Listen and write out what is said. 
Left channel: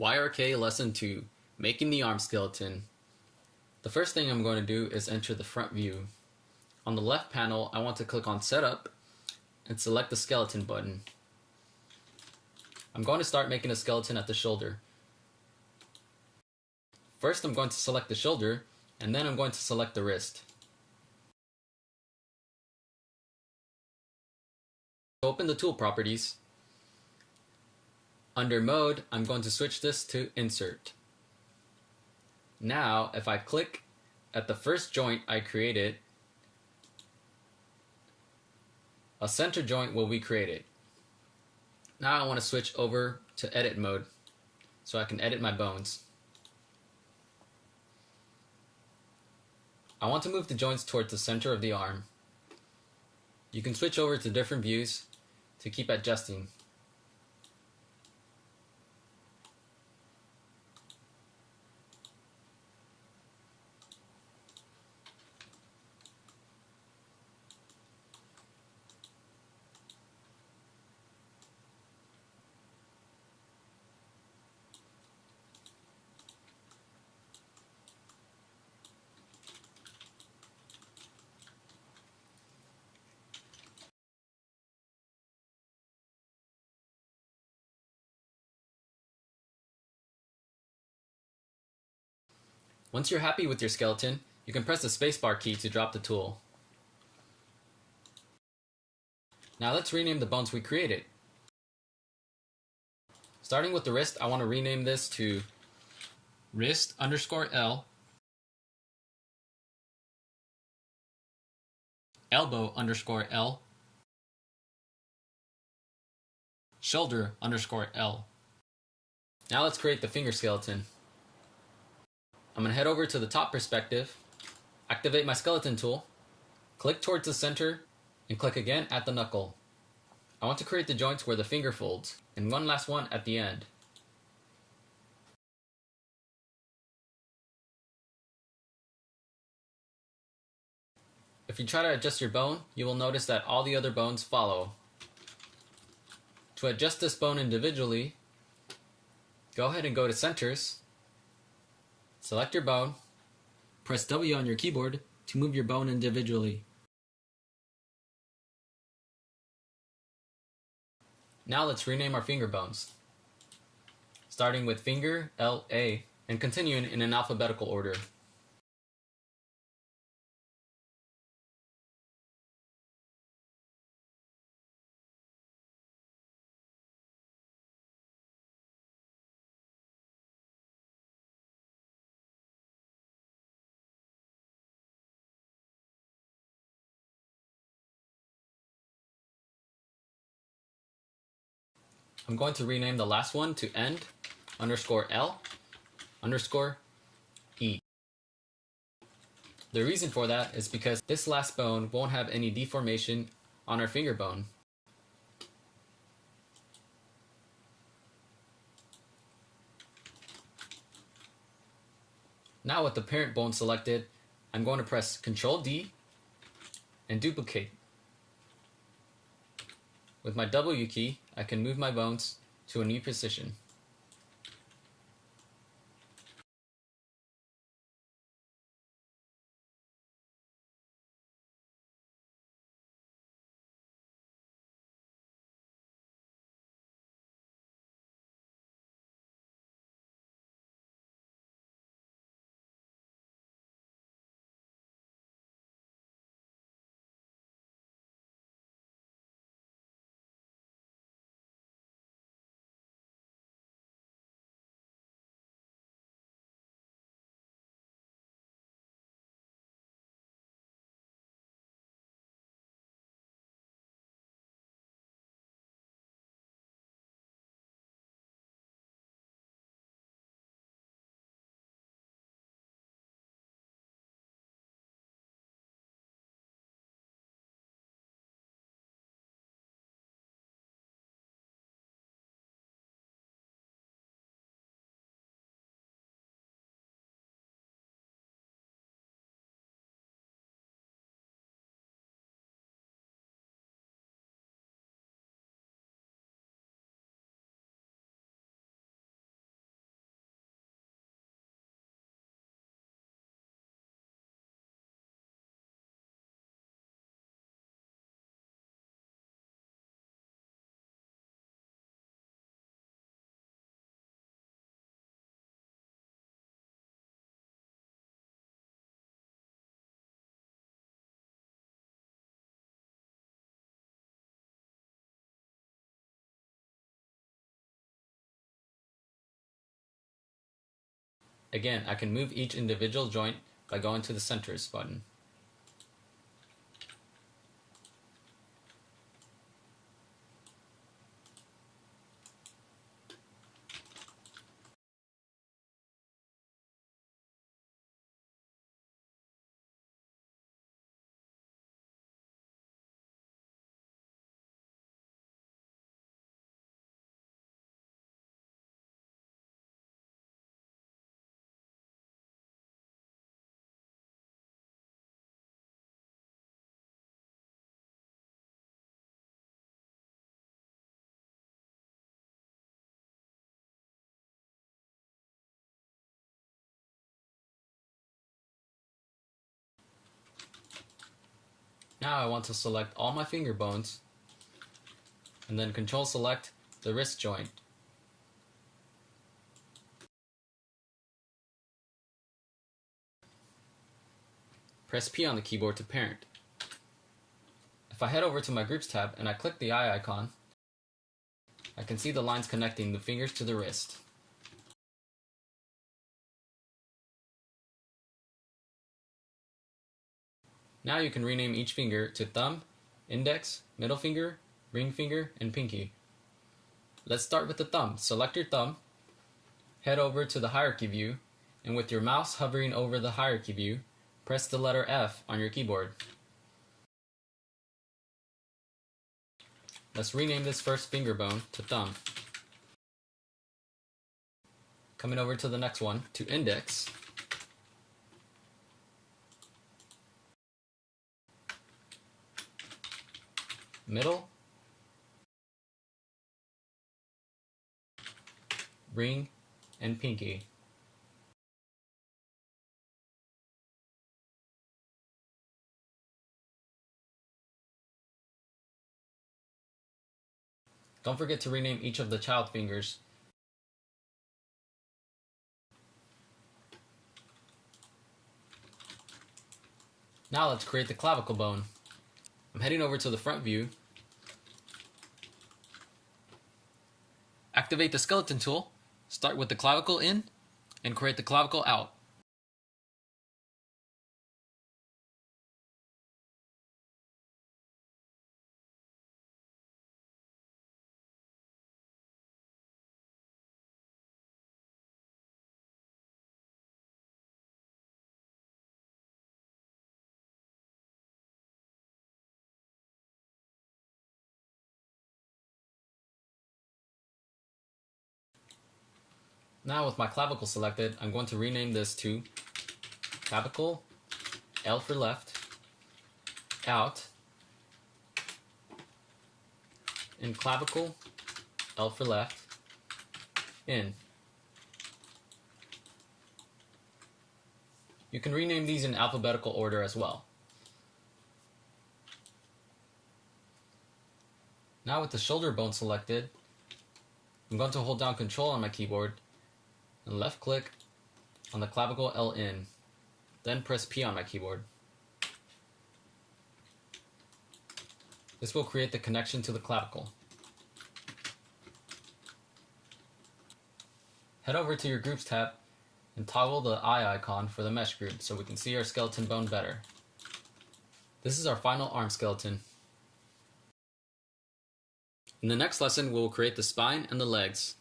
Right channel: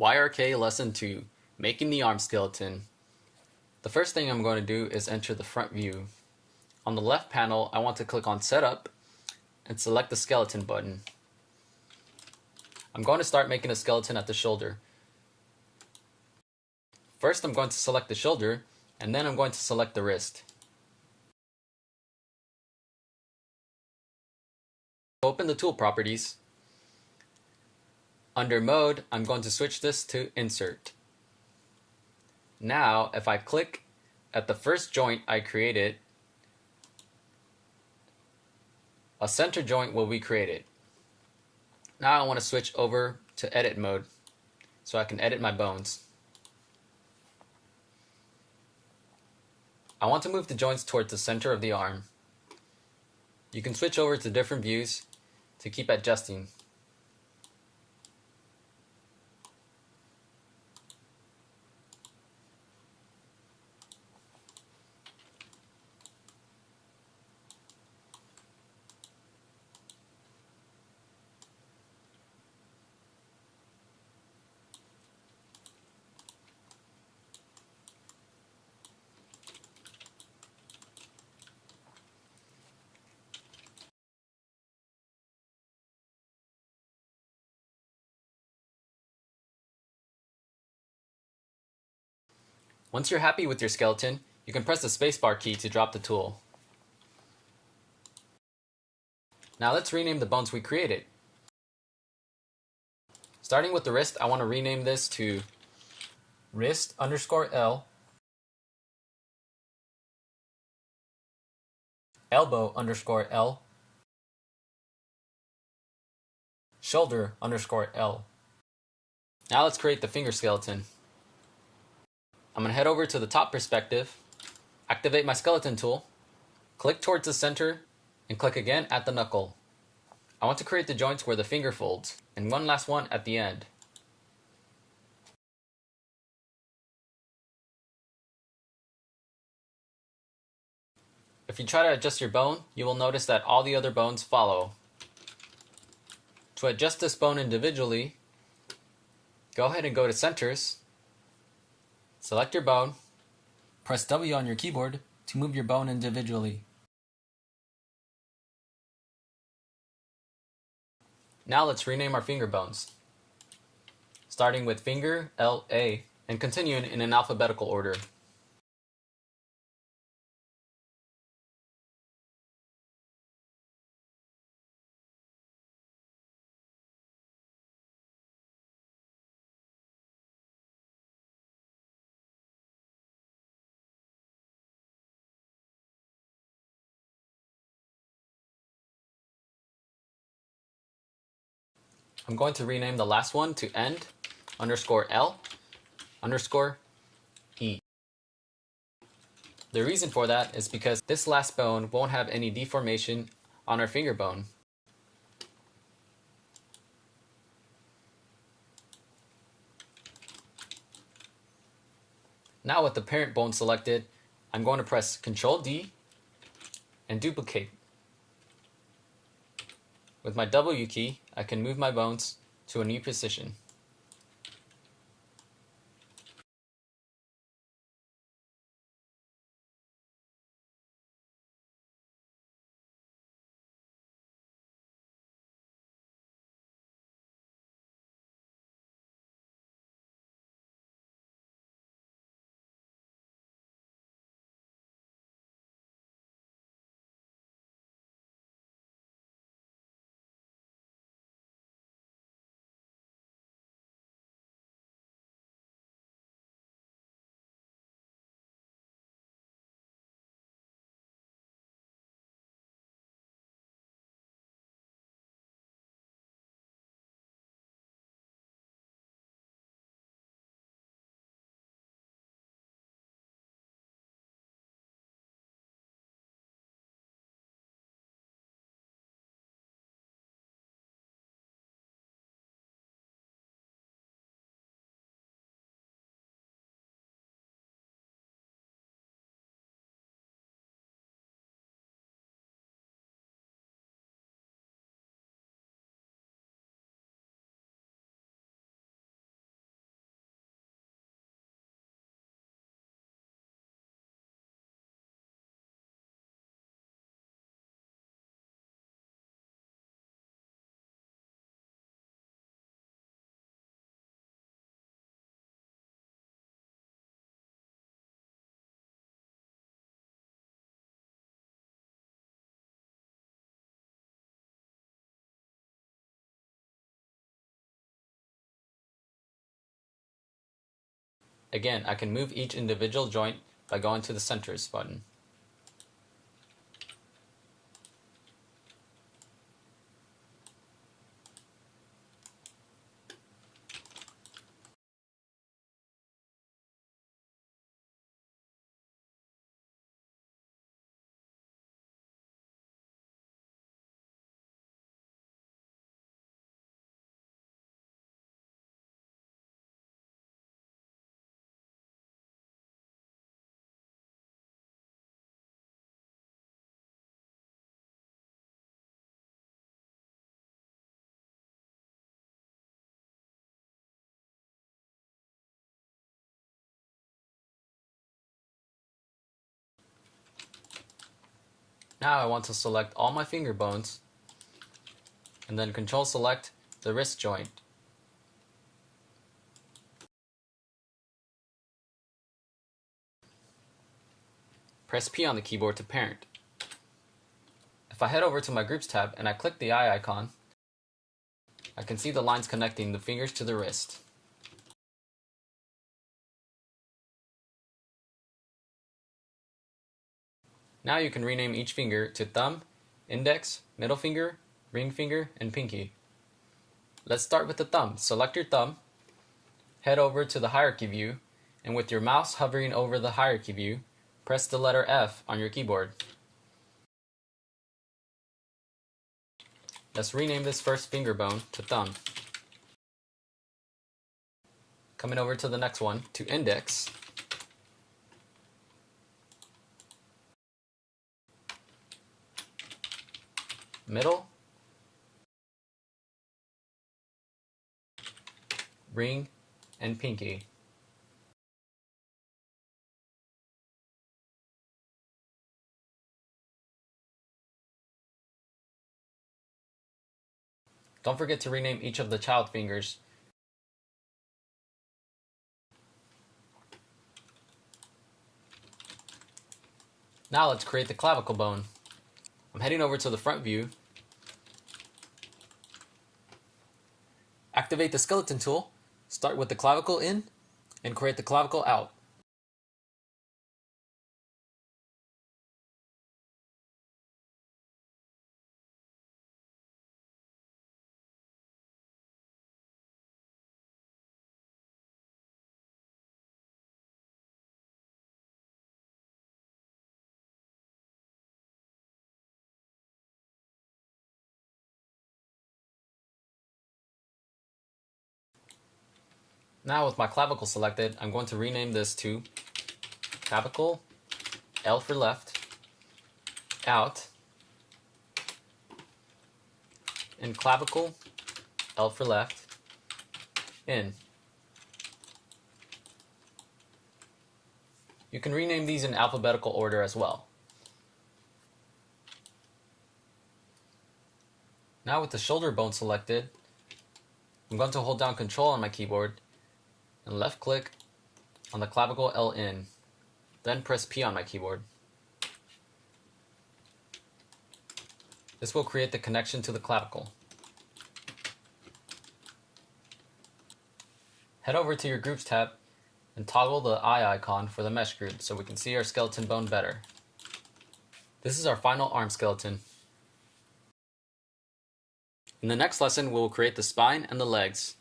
YRK Lesson 2, Making the Arm Skeleton. The first thing I'm going to do is enter the front view. On the left panel, I want to click on Setup and select the Skeleton button. I'm going to start making a skeleton at the shoulder. First, I'm going to select the shoulder, and then I'm going to select the wrist. Open the tool properties. Under Mode, I'm going to switch this to Insert. Now, if I click at the first joint I created, a center joint will be created. Now I want to switch over to Edit mode so I can edit my bones. I want to move the joints towards the center of the arm. You can switch over to different views to keep adjusting. Once you're happy with your skeleton, you can press the spacebar key to drop the tool. Now let's rename the bones we created. Starting with the wrist, I want to rename this to wrist_L, elbow_L, shoulder_L. Now let's create the finger skeleton. I'm going to head over to the top perspective, activate my skeleton tool, click towards the center, and click again at the knuckle. I want to create the joints where the finger folds, and one last one at the end. If you try to adjust your bone, you will notice that all the other bones follow. To adjust this bone individually, go ahead and go to Centers, select your bone, press W on your keyboard to move your bone individually. Now let's rename our finger bones, starting with finger LA and continuing in an alphabetical order. I'm going to rename the last one to end_L_E. The reason for that is because this last bone won't have any deformation on our finger bone. Now with the parent bone selected, I'm going to press Ctrl D and duplicate. With my W key, I can move my bones to a new position. Again, I can move each individual joint by going to the Centers button. Now I want to select all my finger bones and then Control select the wrist joint. Press P on the keyboard to parent. If I head over to my Groups tab and I click the eye icon, I can see the lines connecting the fingers to the wrist. Now you can rename each finger to thumb, index, middle finger, ring finger, and pinky. Let's start with the thumb. Select your thumb, head over to the hierarchy view, and with your mouse hovering over the hierarchy view, press the letter F on your keyboard. Let's rename this first finger bone to thumb. Coming over to the next one, to index. Middle, ring, and pinky. Don't forget to rename each of the child fingers. Now let's create the clavicle bone. I'm heading over to the front view. Activate the skeleton tool, start with the clavicle in, and create the clavicle out. Now with my clavicle selected, I'm going to rename this to clavicle, L for left, out, and clavicle, L for left, in. You can rename these in alphabetical order as well. Now with the shoulder bone selected, I'm going to hold down Control on my keyboard and left click on the clavicle L in, then press P on my keyboard. This will create the connection to the clavicle. Head over to your Groups tab and toggle the eye icon for the mesh group so we can see our skeleton bone better. This is our final arm skeleton. In the next lesson, we will create the spine and the legs.